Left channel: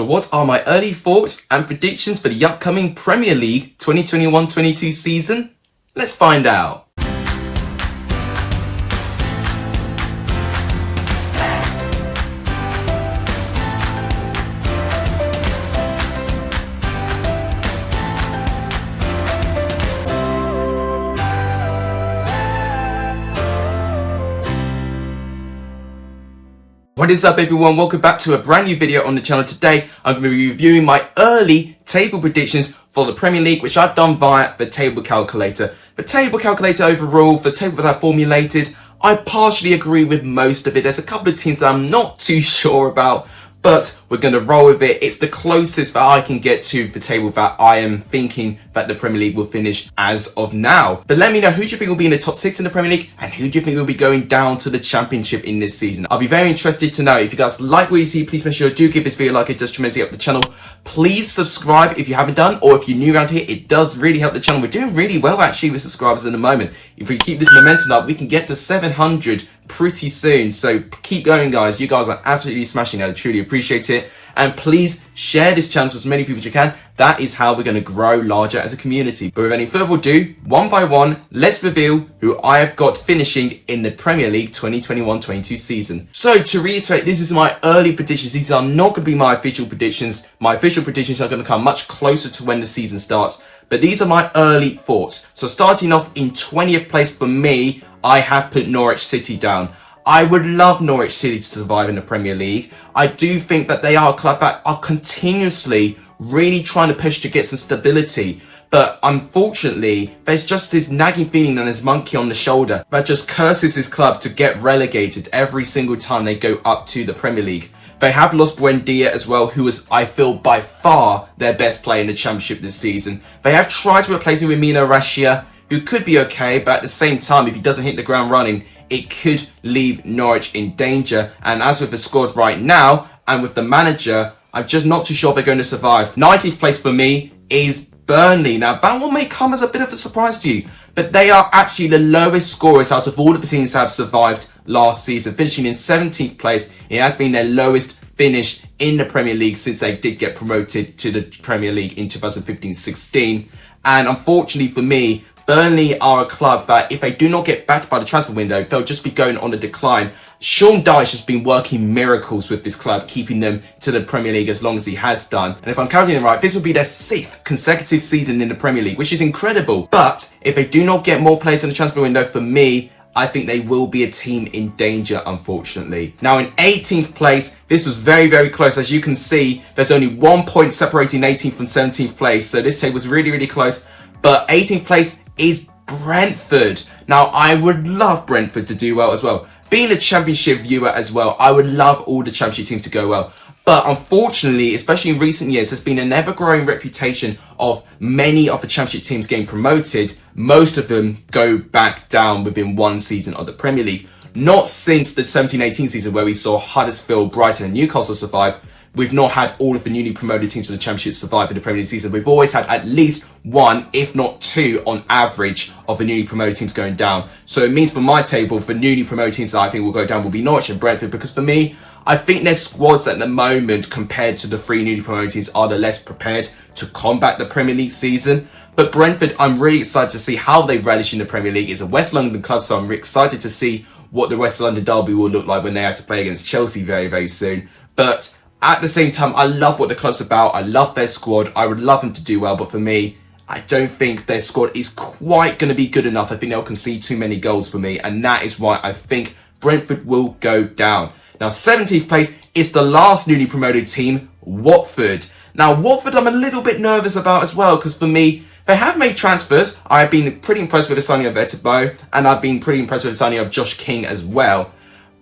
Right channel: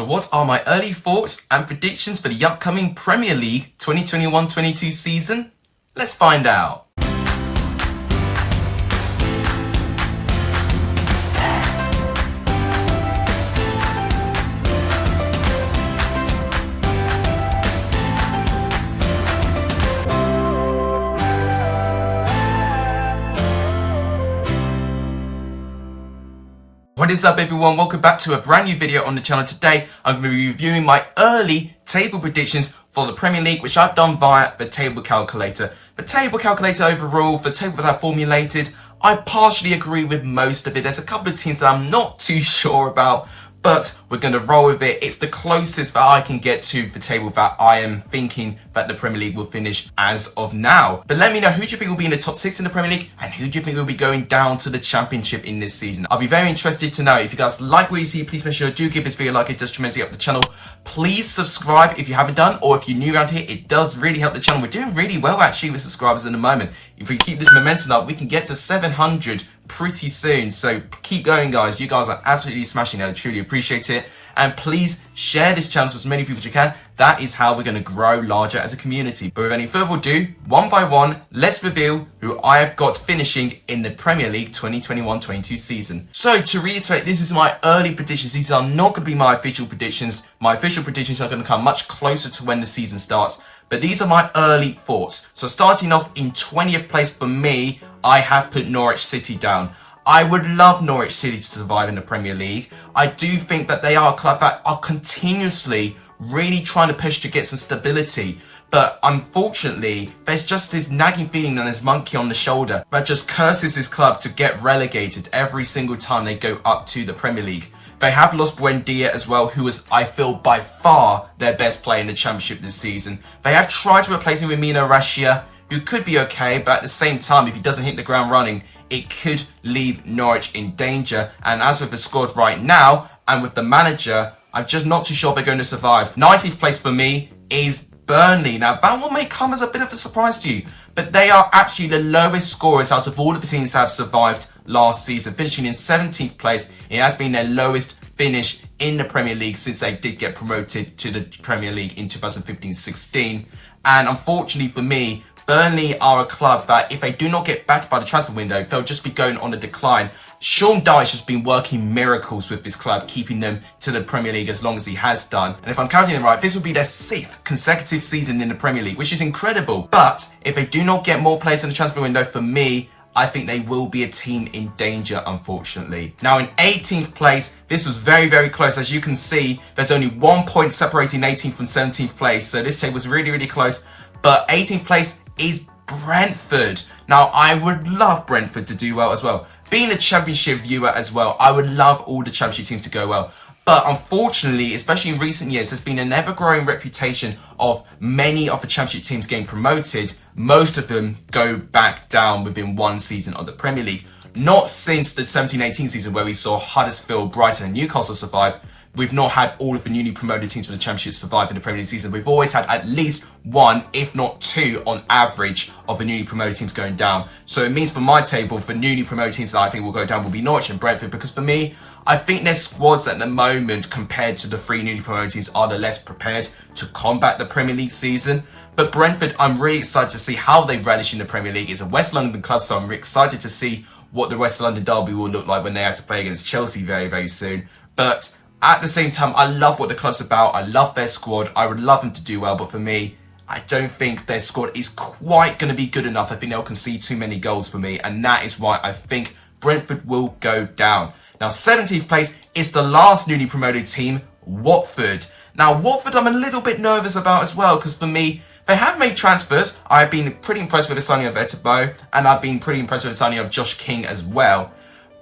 So what are my early thoughts and predictions for the upcoming Premier League 2021-22 season? Let's find out. What is up everyone, welcome back to a brand new video on the channel. Today I'm going to be reviewing my early table predictions for the Premier League, which I've done via the table calculator. The table calculator overall, the table that I formulated, I partially agree with most of it. There's a couple of teams that I'm not too sure about, but we're going to roll with it. It's the closest that I can get to the table that I am thinking that the Premier League will finish as of now. But let me know, who do you think will be in the top 6 in the Premier League, and who do you think will be going down to the Championship in this season? I'll be very interested to know. If you guys like what you see, please make sure you do give this video a like. It does tremendously help the channel. Please subscribe if you haven't done, or if you're new around here, it does really help the channel. We're doing really well actually with subscribers in the moment. If we keep this momentum up, we can get to 700 pretty soon. So keep going guys, you guys are absolutely smashing it. I truly appreciate it. And please share this channel to as many people as you can. That is how we're going to grow larger as a community. But with any further ado, one by one, let's reveal who I have got finishing in the Premier League 2021-22 season. So to reiterate, this is my early predictions. These are not going to be my official predictions. My official predictions are going to come much closer to when the season starts. But these are my early thoughts. So starting off in 20th place for me, I have put Norwich City down. I would love Norwich City to survive in the Premier League. I do think that they are a club that are continuously really trying to push to get some stability. But unfortunately, there's just this nagging feeling and this monkey on the shoulder that just curses this club to get relegated every single time they go up to the Premier League. They have lost Buendia as well, who was, I feel, by far their best player in the Championship this season. They have tried to replace him with Mino Raiola, who could be okay, but at the same time, if he doesn't hit the ground running, it could leave Norwich in danger. And as with the squad right now, and with the manager, I'm just not too sure they're going to survive. 19th place for me is Burnley. Now, that one may come as a bit of a surprise to you, but they are actually the lowest scorers out of all of the teams that have survived last season, finishing in 17th place. It has been their lowest finish in the Premier League since they did get promoted to the Premier League in 2015-16. And unfortunately for me, Burnley are a club that if they do not get backed by the transfer window, they'll just be going on a decline. Sean Dyche has been working miracles with this club, keeping them to the Premier League as long as he has done. And if I'm counting it right, this will be their 6th consecutive season in the Premier League, which is incredible. But if they do not get more players in the transfer window, for me, I think they will be a team in danger, unfortunately. Now, in 18th place, this was very, very close. As you can see, there's only 1 point separating 18th from 17th place. So this table was really, really close. But 18th place is Brentford. Now, I would love Brentford to do well as well. Being a Championship viewer as well, I would love all the Championship teams to go well. But unfortunately, especially in recent years, there's been an ever-growing reputation of many of the Championship teams getting promoted. Most of them go back down within one season of the Premier League. Not since the 17-18 season where we saw Huddersfield, Brighton and Newcastle survive. We've not had all of the newly promoted teams from the Championship survive in the Premier League season. We've always had at least one, if not two, on average, of the newly promoted teams going down. So it means for my table, for newly promoted teams that I think will go down will be Norwich and Brentford, because for me, I think their squads at the moment, compared to the 3 newly promoted teams, are the less prepared to combat the Premier League season. But Brentford, I'm really excited to see how they relish in the Premier League. It's a West London club, so I'm really excited to see what the West London derby will look like when they have to play against Chelsea very, very soon. But at the same time, I love what the club's about. I love their squad. I would love them to do well. But for me, I don't think their squad is quite going to be good enough. I think they'll concede too many goals for me. And that is why I think Brentford will go down. Now, 17th place is the last newly promoted team, Watford. Now, Watford I'm a little bit nervous about as well, because for me, they have made transfers. I've been pretty impressed with the signing of Etebo, and I've been pretty impressed with the signing of Josh King as well.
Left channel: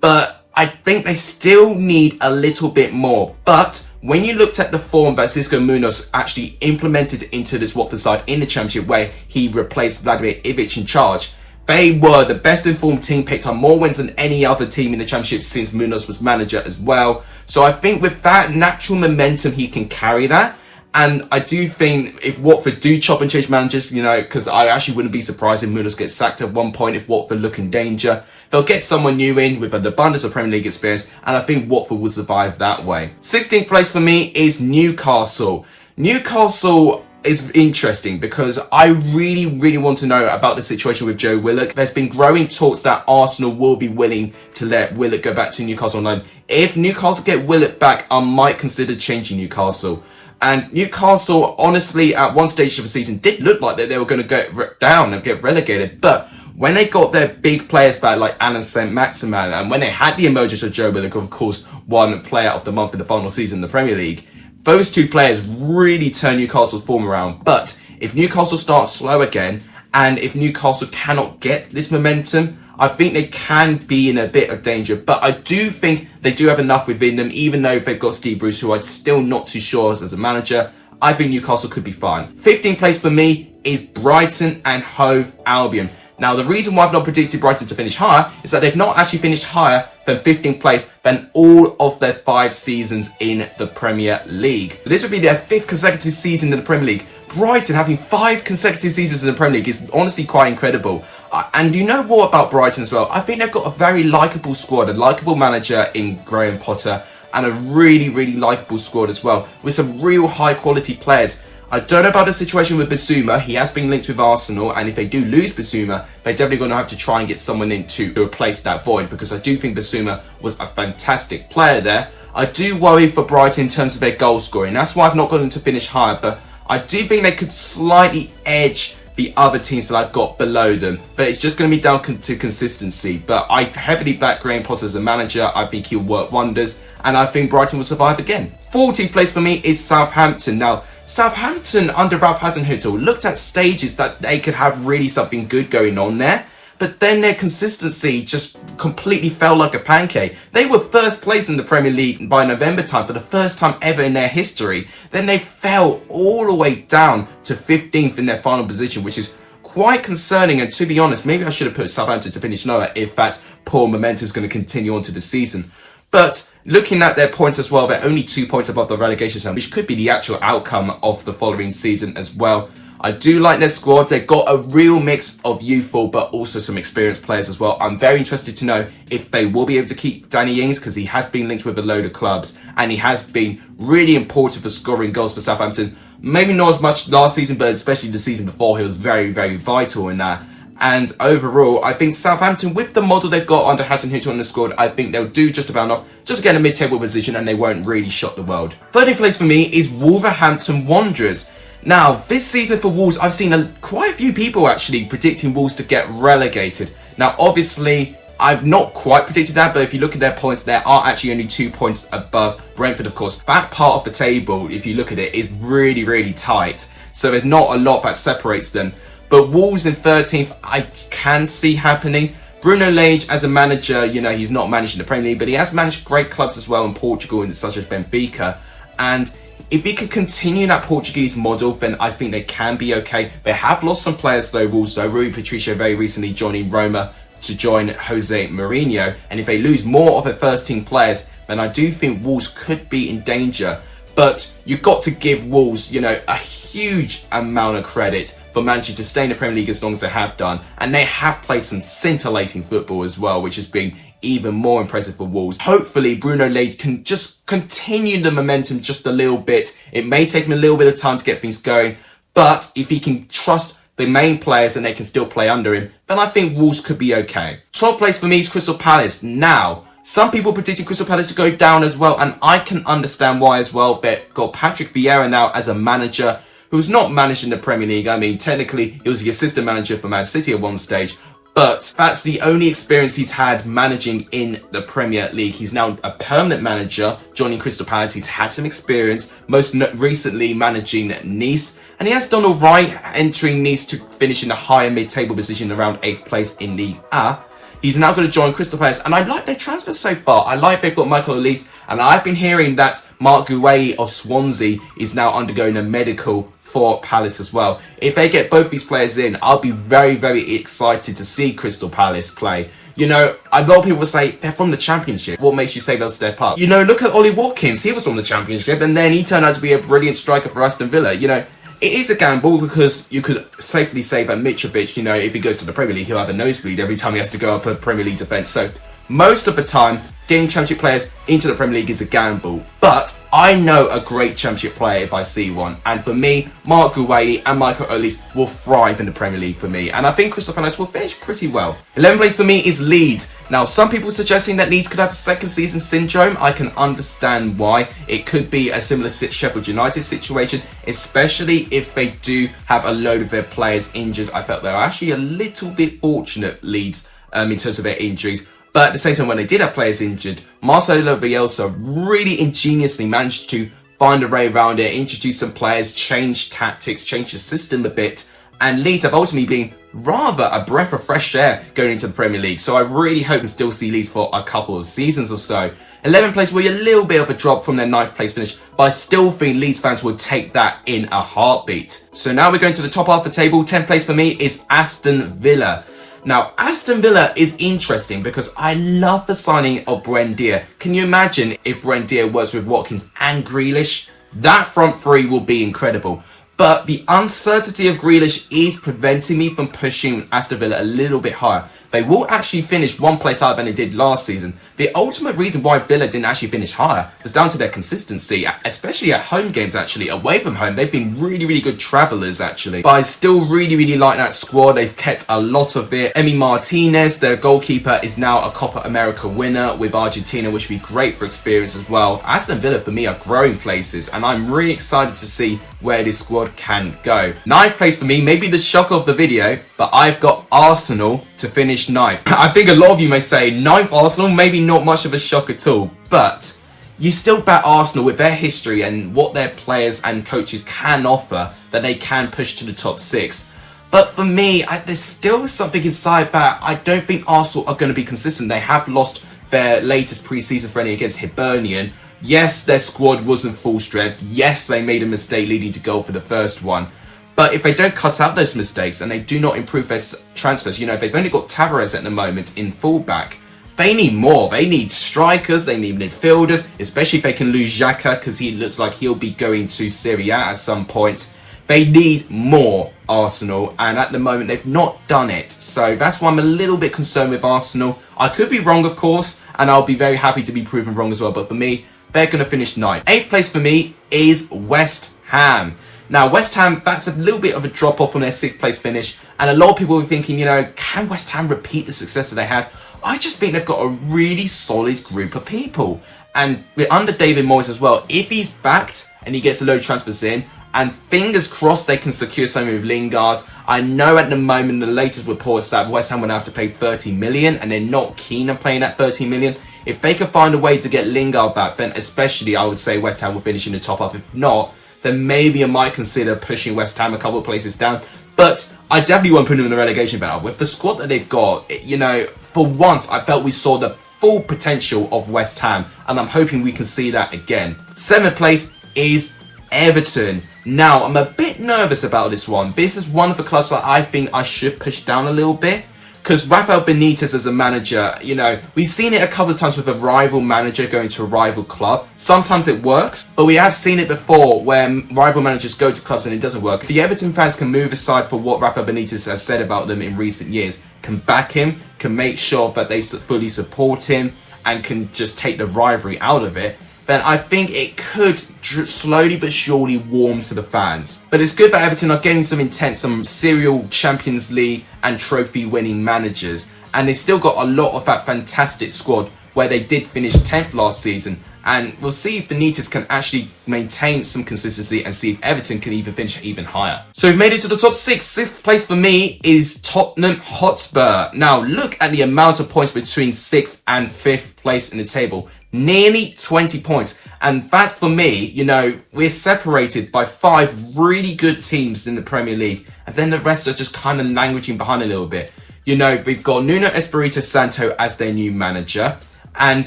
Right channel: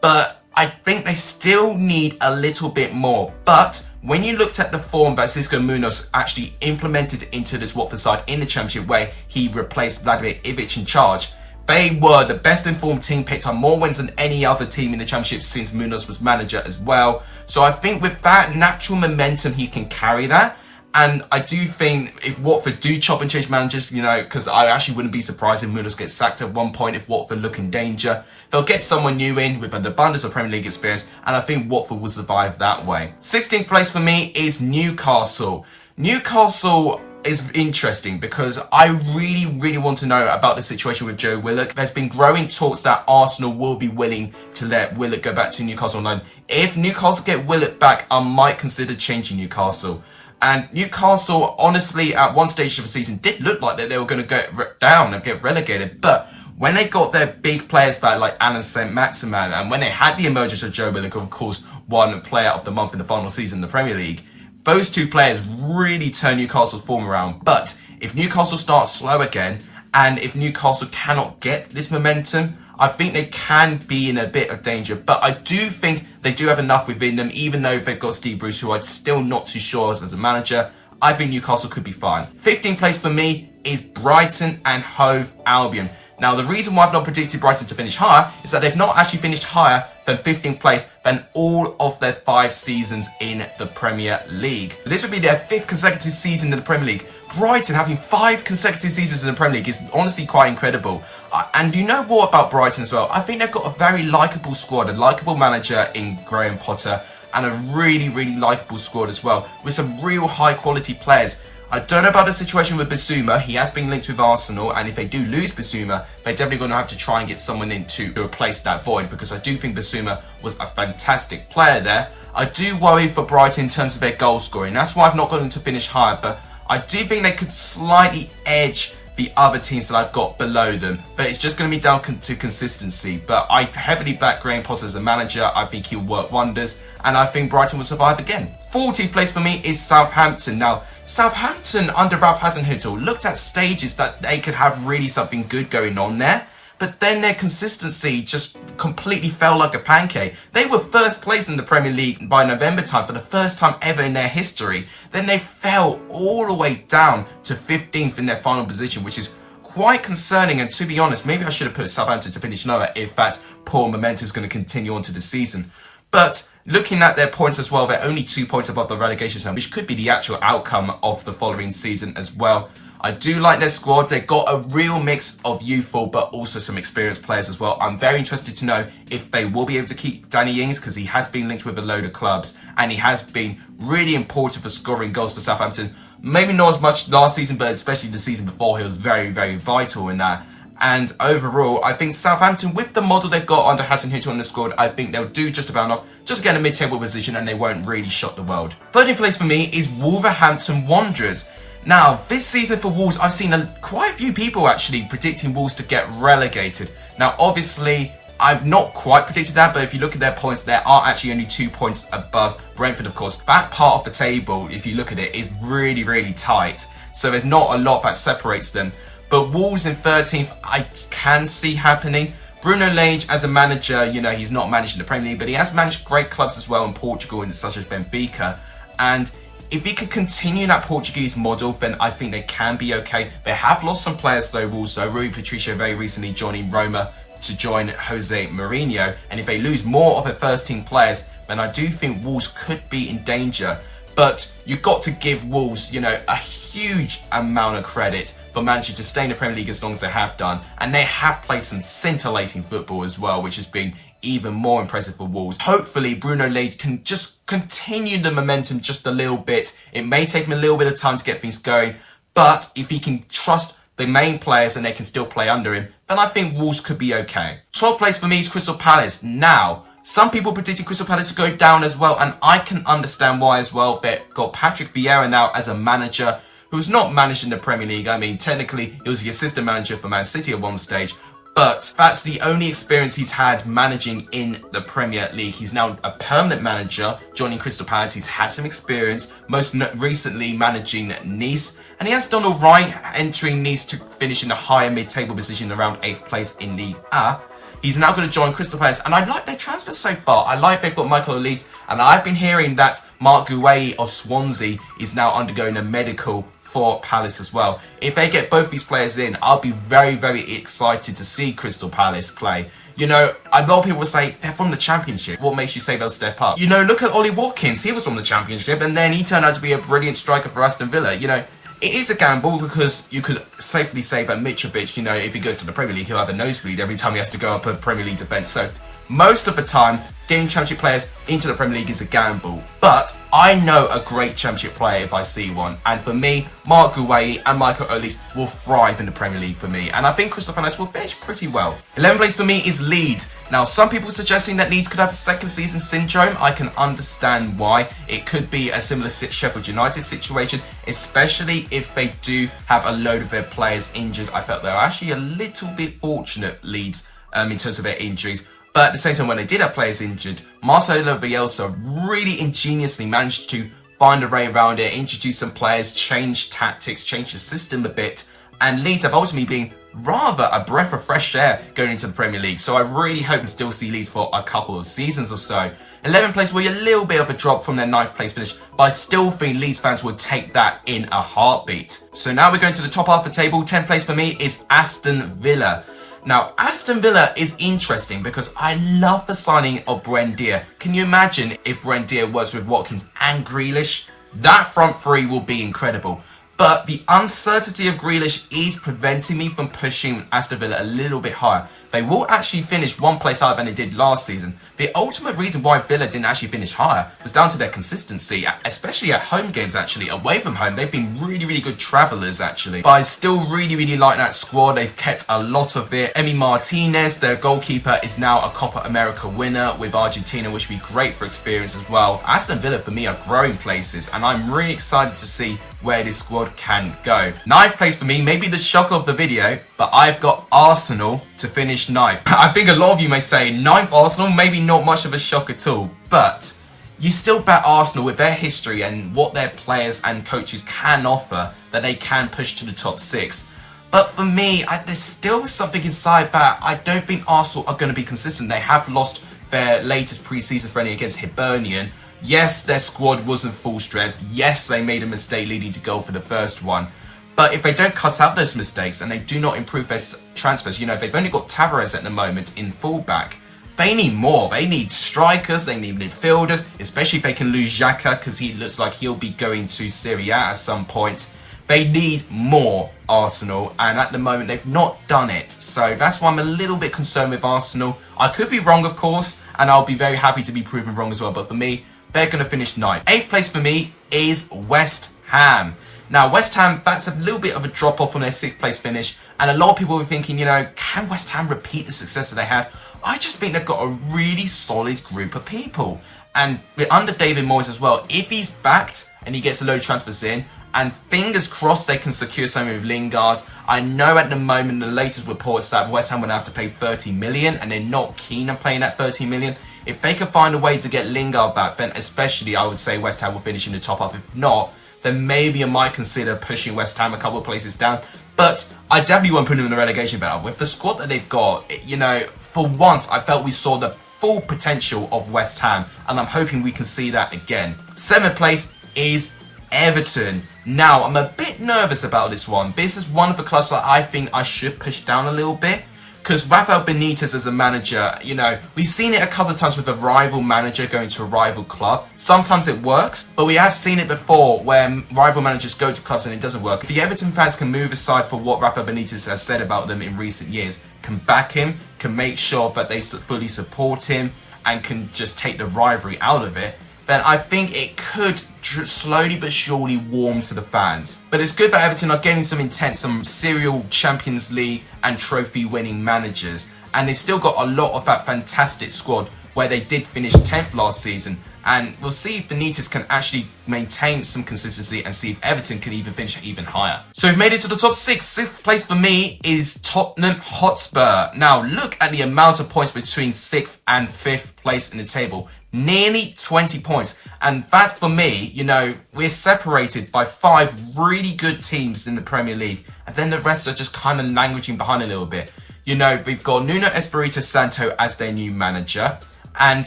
But I think they still need a little bit more. But when you looked at the form that Xisco Munoz actually implemented into this Watford side in the Championship, where he replaced Vladimir Ivic in charge, they were the best informed team, picked up more wins than any other team in the Championship since Munoz was manager as well. So I think with that natural momentum, he can carry that. And I do think if Watford do chop and change managers, you know, because I actually wouldn't be surprised if Munoz gets sacked at one point if Watford look in danger. They'll get someone new in with an abundance of Premier League experience, and I think Watford will survive that way. 16th place for me is Newcastle. Newcastle is interesting because I really want to know about the situation with Joe Willock. There's been growing talks that Arsenal will be willing to let Willock go back to Newcastle on loan. If Newcastle get Willock back, I might consider changing Newcastle. And Newcastle, honestly, at one stage of the season, did look like that they were going to go down and get relegated. But when they got their big players back, like Alan Saint-Maximin, and when they had the emergence of Joe Willock, of course, one player of the month in the final season in the Premier League, those two players really turned Newcastle's form around. But if Newcastle starts slow again, and if Newcastle cannot get this momentum, I think they can be in a bit of danger. But I do think they do have enough within them, even though they've got Steve Bruce, who I'm still not too sure as a manager. I think Newcastle could be fine. 15th place for me is Brighton and Hove Albion. Now, the reason why I've not predicted Brighton to finish higher is that they've not actually finished higher than 15th place than all of their 5 seasons in the Premier League. This would be their 5th consecutive season in the Premier League. Brighton having 5 consecutive seasons in the Premier League is honestly quite incredible. And you know what about Brighton as well? I think they've got a very likeable squad, a likeable manager in Graham Potter, and a really likeable squad as well, with some real high quality players. I don't know about the situation with Bissouma. He has been linked with Arsenal, and if they do lose Bissouma, they're definitely going to have to try and get someone in to replace that void, because I do think Bissouma was a fantastic player there. I do worry for Brighton in terms of their goal scoring. That's why I've not got them to finish higher, but I do think they could slightly edge the other teams that I've got below them, but it's just going to be down to consistency. But I heavily back Graham Potter as a manager. I think he'll work wonders, and I think Brighton will survive again. 14th place for me is Southampton. Now, Southampton under Ralph Hasenhüttl looked at stages that they could have really something good going on there, but then their consistency just completely fell like a pancake. They were first place in the Premier League by November time for the first time ever in their history. Then they fell all the way down to 15th in their final position, which is quite concerning. And to be honest, maybe I should have put Southampton to finish lower if that poor momentum is going to continue on to the season. But looking at their points as well, they're only 2 points above the relegation zone, which could be the actual outcome of the following season as well. I do like their squad. They've got a real mix of youthful but also some experienced players as well. I'm very interested to know if they will be able to keep Danny Ings, because he has been linked with a load of clubs and he has been really important for scoring goals for Southampton. Maybe not as much last season, but especially the season before, he was very vital in that. And overall, I think Southampton, with the model they've got under Hasenhüttl on the squad, I think they'll do just about enough, just get a mid-table position, and they won't really shock the world. 13th place for me is Wolverhampton Wanderers. Now, this season for Wolves, I've seen quite a few people actually predicting Wolves to get relegated. Now, obviously, I've not quite predicted that, but if you look at their points, there are actually only 2 points above Brentford, of course. That part of the table, if you look at it, is really tight. So there's not a lot that separates them. But Wolves in 13th, I can see happening. Bruno Lage as a manager, you know, he's not managed in the Premier League, but he has managed great clubs as well in Portugal, such as Benfica. And if he can continue that Portuguese model, then I think they can be okay. They have lost some players though, Wolves. So Rui Patricio very recently joining Roma to join Jose Mourinho. And if they lose more of their first team players, then I do think Wolves could be in danger. But you've got to give Wolves, you know, a huge amount of credit for managing to stay in the Premier League as long as they have done. And they have played some scintillating football as well, which has been even more impressive for Wolves. Hopefully, Bruno Lage can just continue the momentum just a little bit. It may take him a little bit of time to get things going, but if he can trust the main players and they can still play under him, then I think Wolves could be okay. 12th place for me is Crystal Palace. Now, some people predicting Crystal Palace to go down as well, and I can understand why as well. They've got Patrick Vieira now as a manager who's not managed in the Premier League. I mean, technically, he was the assistant manager for Man City at one stage, but that's the only experience he's had managing in the Premier League. He's now a permanent manager, joining Crystal Palace. He's had some experience, most recently managing Nice, and he has done all right, entering Nice to finish in a higher mid-table position around 8th place in Ligue A. He's now going to join Crystal Palace, and I like their transfers so far. I like they've got Michael Olise, and I've been hearing that Mark Gueye of Swansea is now undergoing a medical for Palace as well. If they get both these players in, I'll be very excited to see Crystal Palace play. You know, a lot of people will say they're from the Championship. What makes you say they'll step up? You know, look at Ollie Watkins. He was from the Championship, and then he turned out to be a brilliant striker for Aston Villa. You know, it is a gamble because you could safely say that Mitrovic, you know, if he goes to the Premier League, he'll have a nosebleed every time he has to go up a Premier League defence. So most of the time, getting Championship players into the Premier League is a gamble. But I know a great Championship player if I see one. And for me, Mark Guehi and Michael Olise will thrive in the Premier League for me. And I think Crystal Palace will finish pretty well. 11th place for me is Leeds. Now, some people suggesting that Leeds could have a second season syndrome. I can understand why. It could be a similar Sheffield United situation, especially if they do have a load of their players injured. I felt they were actually a little bit fortunate, Leeds, in terms of their injuries. But at the same time, when they did have players injured, Marcelo Bielsa really ingeniously managed to find a way around it, introduce some players, change tactics, change the system a bit. And Leeds have ultimately been rather a breath of fresh air going into the Premier League. So I really hope to still see Leeds for a couple of seasons or so. 11th place will be a little bit of a drop from their 9th place finish, but I still think Leeds fans would take that in a heartbeat. So now we're going to the top half of the table. 10th place for me is Aston Villa. Now, Aston Villa is interesting because I love the signing of Brent Deer. Can you imagine if Brent Deer works with Watkins and Grealish? That front three will be incredible. But the uncertainty of Grealish is preventing me from pushing Aston Villa a little bit higher. They will actually finish one place higher than they did last season. The ultimate reason why Villa didn't actually finish higher was down to their consistency, especially at home games actually. Away from home, they've been really good travellers actually. But I still really like that squad. They've kept a lot of it. Emi Martinez, their goalkeeper, is now a Copa America winner with Argentina, which would be great for experience as well. Aston Villa, for me, are growing places, and I'm really excited to see where this squad can go. 9th place for me, maybe the shock of the video, but I've got Arsenal to finish 9th. I think a lot of you may say 9th Arsenal, maybe not much of a shock at all, but you still back Arsenal with their history and what their players and coaches can offer, that they can push to the top 6. But for me, there's still something inside that I don't think Arsenal are going to be consistent. They have lost their latest pre-season friendly against Hibernian. Yes, their squad wasn't full strength. Yes, they made a mistake leading to goal for the first one. But if they don't cut out those mistakes and they do not improve their transfers, you know, if they've only got Tavares at the moment in fullback, they need more. They need strikers, they need midfielders, especially if they can lose Xhaka because he looks like he'll be going to Serie A at some point. They need more, Arsenal, and at the moment they've not done it. So that's why I'm a little bit concerned with Arsenal. I could be wrong, of course, and I'll be very happy to be proven wrong as well. But for me, they're going to finish 9th. 8th place for me is West Ham. Now, West Ham, that's a little bit of a drop-off from their 6th place finish. And a lot of people were thinking, you know, can West Ham repeat the success that they had? I just think they've got a really solid group of people. And under David Moyes as well, if he's backed and he gets a load of transfers in, and fingers crossed they can secure something with Lingard. I know at the moment the latest reports that West Ham would have to pay 30 million and they're not keen on paying that 30 million. If they can find a way to get Lingard back, then especially I would say West Ham will finish in the top half. If not, then maybe I might consider pushing West Ham a couple of places down. But I definitely won't put them in the relegation battle. With the squad that they've got, you know, for once I felt we saw the full potential of West Ham, and I'm hoping we can see that again. 7th place is Everton. Now, I'm a bit nervous about this one. This is one of the clubs that I think I should push down a little bit. Because Rafael Benitez as a manager, you know, we've seen it a couple of times with a rival manager going to a rival club. Sometimes it works, but we have seen it before when rival managers go to clubs and it doesn't work. If the Everton fans can move aside for what Rafael Benitez has said about them in recent years, can back him, can make sure that they fully support him, and can just take the rivalry out of it, then I think it could slowly but surely warm to the fans. But it's good that Everton are getting some intent, some serial Champions League and trophy winning managers. And they've still got a lot of that fantastic squad where they did finish 10th last season. And we'll see if Benitez can actually maintain some consistency and see if Everton can even finish even higher. So we've made it to the top 6. 6th place for me is Tottenham Hotspur. Now look at the amount of points between 6th and 5th place in the table. Nearly 20 points. And that for me, you know, we're separated by 5 really good teams in the Premier League. And then the rest are just kind of languishing behind a little bit. You know, we've got Nuno Espirito Santo as their new manager. And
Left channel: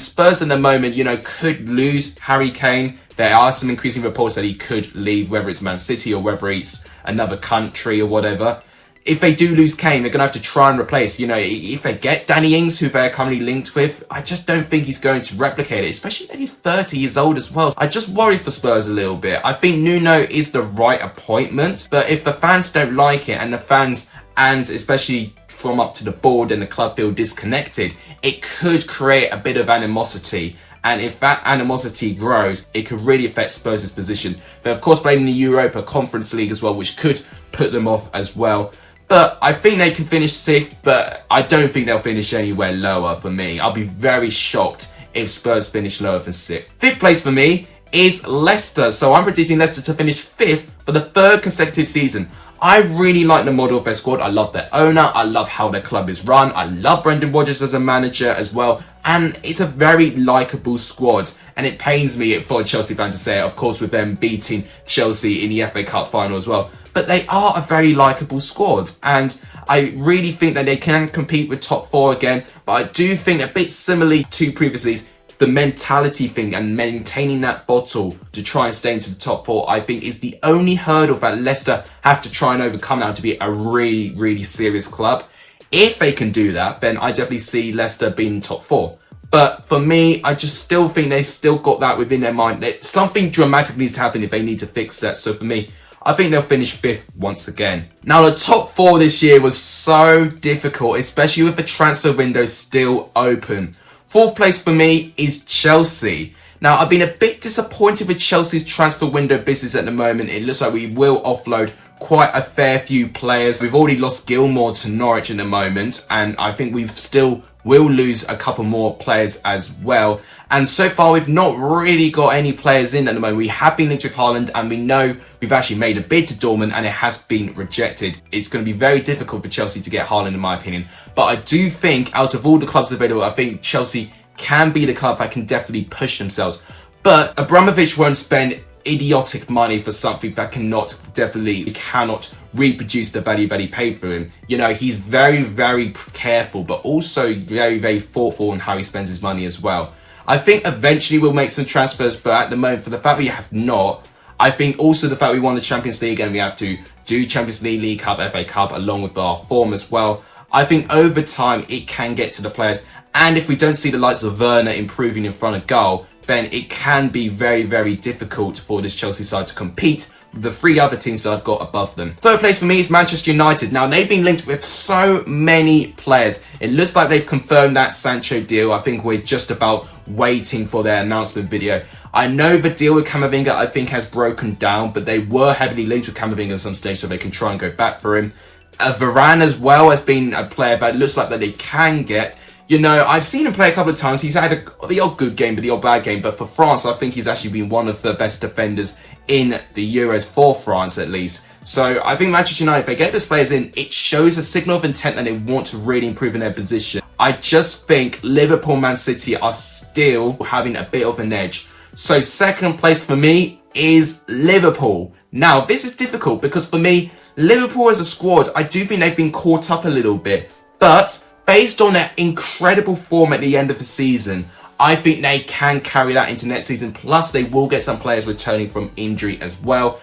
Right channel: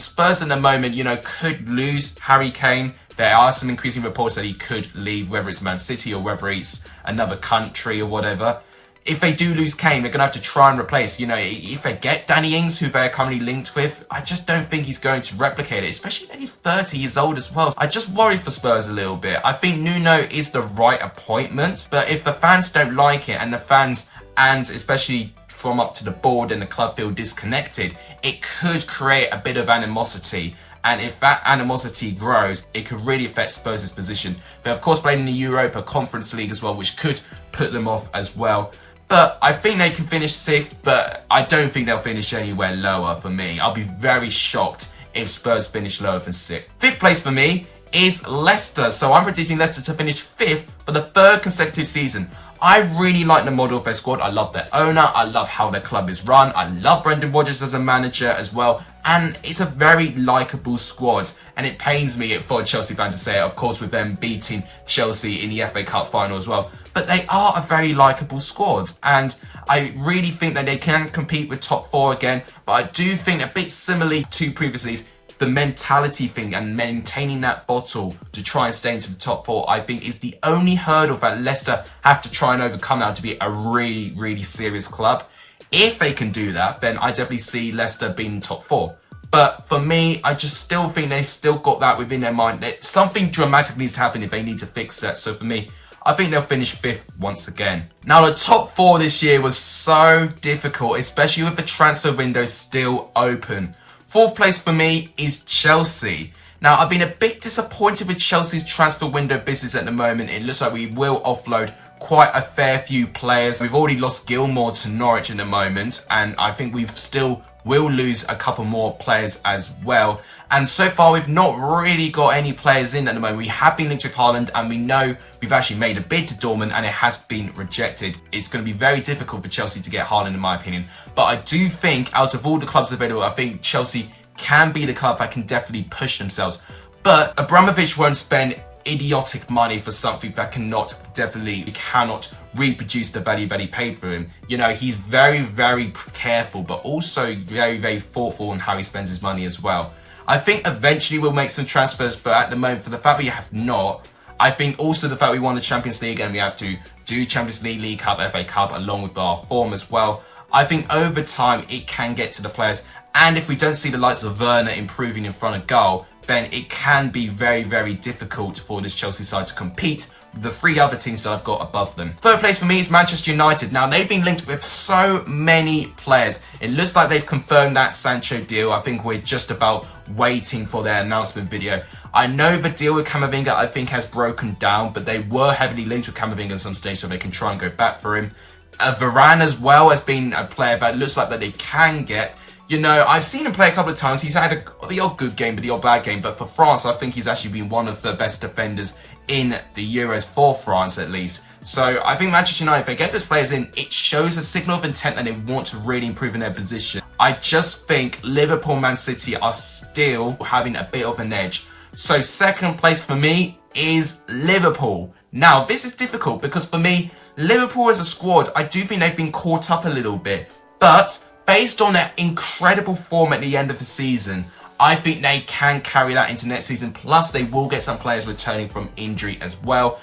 Spurs at the moment, you know, could lose Harry Kane. There are some increasing reports that he could leave, whether it's Man City or whether it's another country or whatever. if they do lose Kane, they're going to have to try and replace. You know, if they get Danny Ings, who they're currently linked with, I just don't think he's going to replicate it, especially that he's 30 years old as well. I just worry for Spurs a little bit. I think Nuno is the right appointment, but if the fans don't like it, and the fans, and especially from up to the board and the club, feel disconnected, it could create a bit of animosity. And if that animosity grows, it could really affect Spurs' position. They're of course playing in the Europa Conference League as well, which could put them off as well. But I think they can finish 6th, but I don't think they'll finish anywhere lower for me. I'll be very shocked if Spurs finish lower than 6th. 5th place for me is Leicester. So I'm predicting Leicester to finish 5th for the 3rd consecutive season. I really like the model of their squad. I love their owner. I love how their club is run. I love Brendan Rodgers as a manager as well. And it's a very likeable squad. And it pains me for a Chelsea fan to say it, of course, with them beating Chelsea in the FA Cup final as well. But they are a very likeable squad. And I really think that they can compete with top 4 again. But I do think, a bit similarly to previously, the mentality thing and maintaining that bottle to try and stay into the top 4, I think is the only hurdle that Leicester have to try and overcome now to be a really, really serious club. If they can do that, then I definitely see Leicester being top 4. But for me, I just still think they've still got that within their mind. That something dramatic needs to happen if they need to fix that. So for me, I think they'll finish 5th once again. Now, the top 4 this year was so difficult, especially with the transfer window still open. 4th place for me is Chelsea. Now, I've been a bit disappointed with Chelsea's transfer window business at the moment. It looks like we will offload quite a fair few players. We've already lost Gilmour to Norwich in the moment, and I think we've still will lose a couple more players as well. And so far, we've not really got any players in at the moment. We have been linked with Haaland, and we know we've actually made a bid to Dortmund, and it has been rejected. It's going to be very difficult for Chelsea to get Haaland, in my opinion. But I do think, out of all the clubs available, I think Chelsea can be the club that can definitely push themselves. But Abramovich won't spend idiotic money for something that cannot reproduce the value that he paid for him. You know, he's very, very careful, but also very, very thoughtful on how he spends his money as well. I think eventually we'll make some transfers, but at the moment, for the fact we have not, I think also the fact we won the Champions League and we have to do Champions League, League Cup, FA Cup, along with our form as well, I think over time it can get to the players. And if we don't see the likes of Werner improving in front of goal, then it can be very, very difficult for this Chelsea side to compete with the 3 other teams that I've got above them. 3rd place for me is Manchester United. Now, they've been linked with so many players. It looks like they've confirmed that Sancho deal. I think we're just about waiting for their announcement video. I know the deal with Camavinga, I think, has broken down, but they were heavily linked with Camavinga at some stage, so they can try and go back for him. Varane as well has been a player that looks like that they can get. You know, I've seen him play a couple of times. He's had the odd good game, but the odd bad game. But for France, I think he's actually been one of the best defenders in the Euros for France, at least. So I think Manchester United, if they get those players in, it shows a signal of intent that they want to really improve in their position. I just think Liverpool, Man City are still having a bit of an edge. So 2nd place for me is Liverpool. Now, this is difficult because for me, Liverpool as a squad, I do think they've been caught up a little bit. But based on their incredible form at the end of the season, I think they can carry that into next season. Plus, they will get some players returning from injury as well.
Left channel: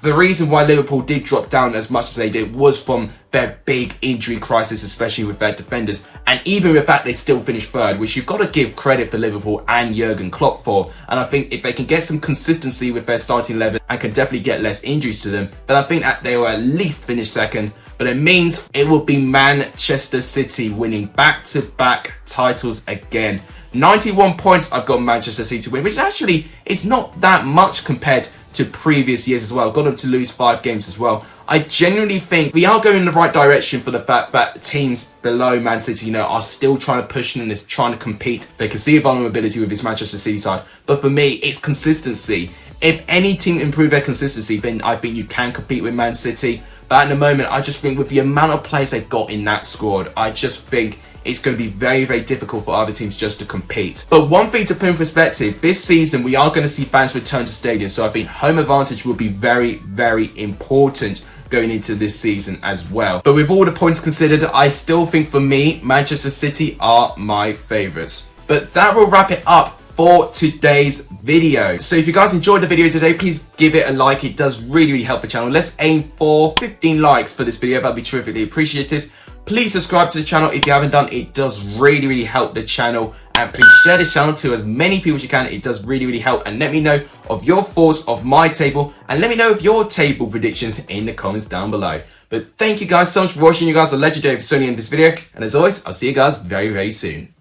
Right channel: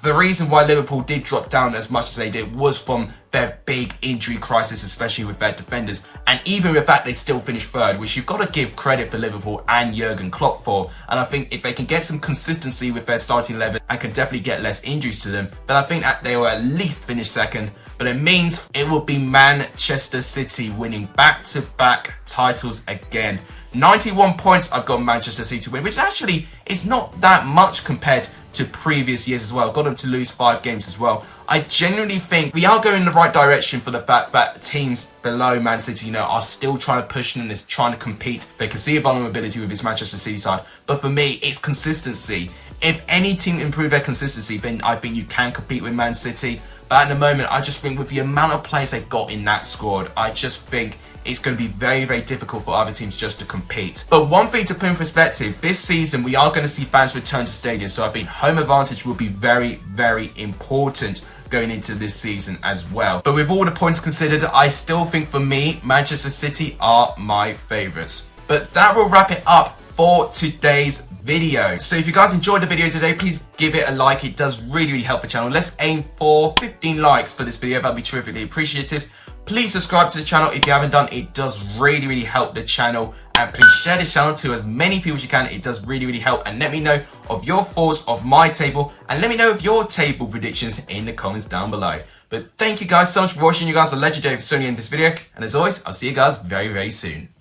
The reason why Liverpool did drop down as much as they did was from their big injury crisis, especially with their defenders. And even with that, they still finished 3rd, which you've got to give credit for Liverpool and Jurgen Klopp for. And I think if they can get some consistency with their starting 11 and can definitely get less injuries to them, then I think that they will at least finish 2nd. But it means it will be Manchester City winning back-to-back titles again. 91 points I've got Manchester City to win, which actually is not that much compared to previous years as well. Got them to lose 5 games as well. I genuinely think we are going in the right direction for the fact that teams below Man City, you know, are still trying to push in this, trying to compete. They can see a vulnerability with this Manchester City side. But for me, it's consistency. If any team improve their consistency, then I think you can compete with Man City. But at the moment, I just think with the amount of players they've got in that squad, I just think it's going to be very, very difficult for other teams just to compete. But one thing to put in perspective, this season we are going to see fans return to stadiums. So I think home advantage will be very, very important going into this season as well. But with all the points considered, I still think for me, Manchester City are my favourites. But that will wrap it up for today's video. So if you guys enjoyed the video today, please give it a like. It does really help the channel. Let's aim for 15 likes for this video. That'd be terrifically appreciative. Please subscribe to the channel if you haven't done. It does really help the channel. And please share this channel to as many people as you can. It does really help. And let me know of your thoughts of my table. And let me know of your table predictions in the comments down below. But thank you guys so much for watching. You guys are legendary for tuning in this video. And as always, I'll see you guys very soon.